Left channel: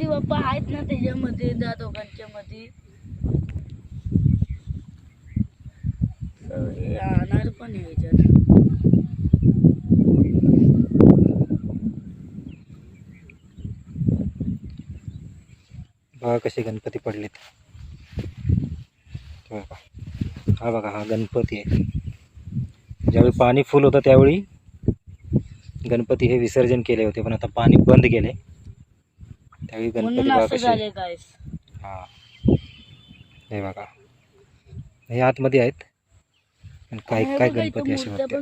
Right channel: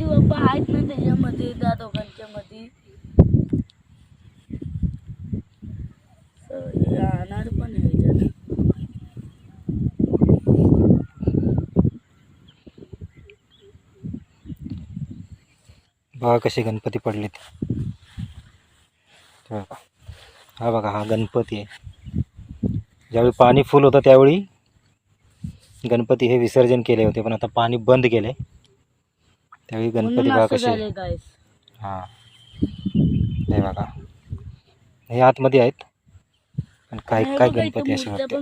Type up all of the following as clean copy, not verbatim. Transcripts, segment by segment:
गणपती बाप्पा आहेत ना त्याच्यामध्ये, त्या दोघांच्या मध्ये राहणार पण ह्याच्यात. बघा कसे गणपती पडलेत. बघा हा, बघा हा गणपती आहे. ज्यावेळी पाणी फुल होतं त्यावेळी गणपती हे विसर्जन केले होते, पण आता पाणी बंद केले त्यावेळी गणपती बघा कसे. हा हे बघा हे आतमध्ये आहेत, पण काय काय गणपती असे होते.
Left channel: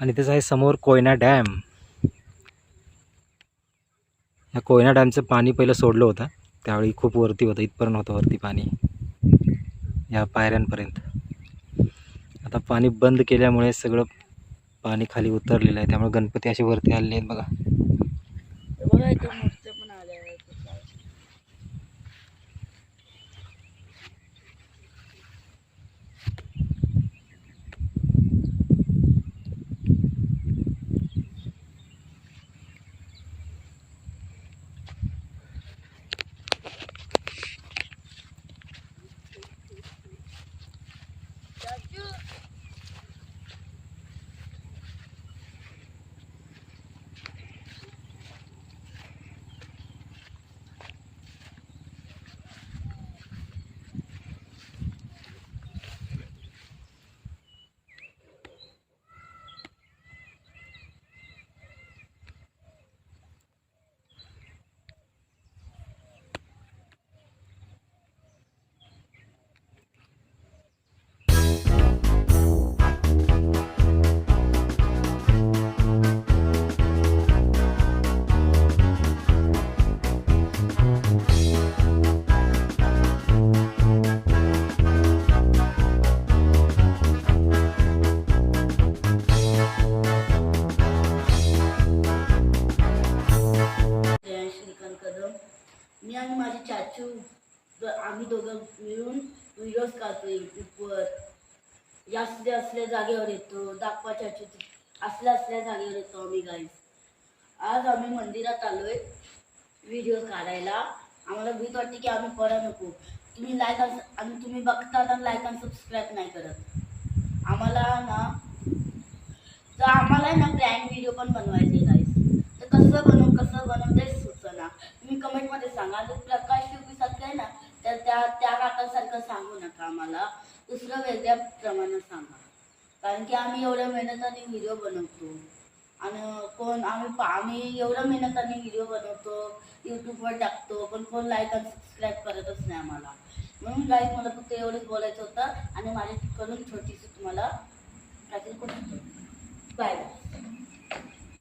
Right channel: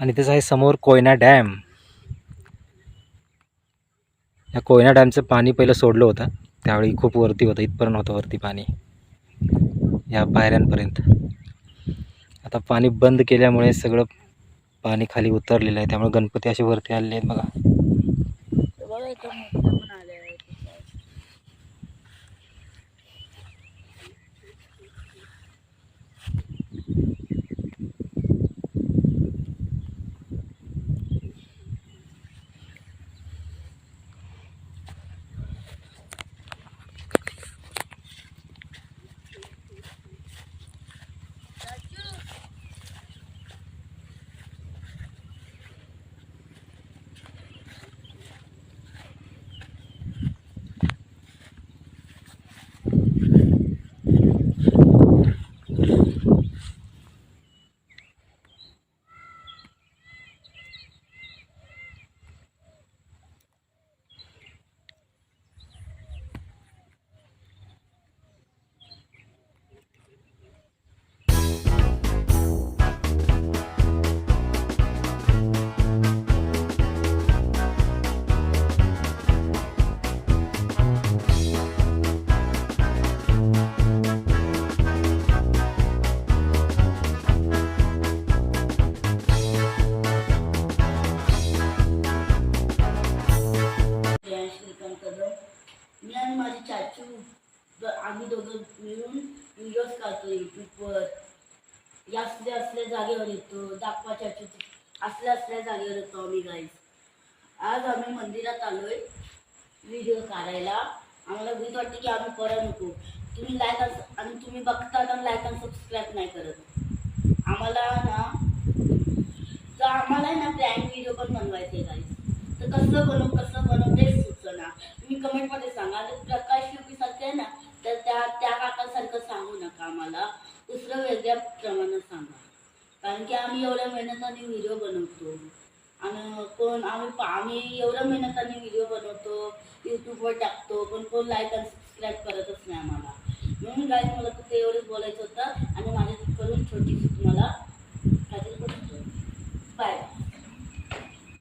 आणि त्याचं आहे समोर कोयना डॅम. या कोयना डॅमचं पाणी पहिलं सोडलं होतं त्यावेळी खूप वरती होतं, इथपर्यंत होतं वरती पाणी, या पायऱ्यांपर्यंत. आता पाणी बंद केल्यामुळे सगळं पाणी खाली उतरलेलं आहे, त्यामुळे गणपती असे वरती आलेले आहेत बघा. मी आणि माझे चाचू आम्ही दोघं मिळून व्हिडिओज काढतो यूट्यूबवर. असल्या जागेवर येतो, दाखवा चाचू असल्या जागेवर येतो आम्ही गाईस. आज आम्ही मंदिरात आलोय व्हिडिओ काढायला. आम्हाला भीत वाटते की आम्ही करा नको. तुम्ही लाईक आणि तुम्ही बघता तर लाईक आणि सबस्क्राईब नाही करत. आम्हाला ना प्रँक व्हिडिओ पण बनवायचे गाईस. तर कसं बनव तेच सुचना. तुम्ही कमेंटमध्ये सांगा. आणि प्रकाश युपी सारखं आहे ना, तर त्या काकांसारखं सांगू नका आम्हाला, दुसरं वेगळ्या प्रमाणे सांगा. कारण की आम्ही एवढ्या मेहनताने व्हिडिओ बनवतो आणि आम्ही एवढ्या मेहनताने व्हिडिओ बनवतो, यूट्यूबवर टाकतो, पण कोण लाईक आणि सबस्क्राईब करतच नाही आम्हाला. म्हणून गाईस मला फक्त एवढंच बोलायचं होतं आणि माझ्याकडून छोटीशी तुम्हाला काहीतरी बाय बाय.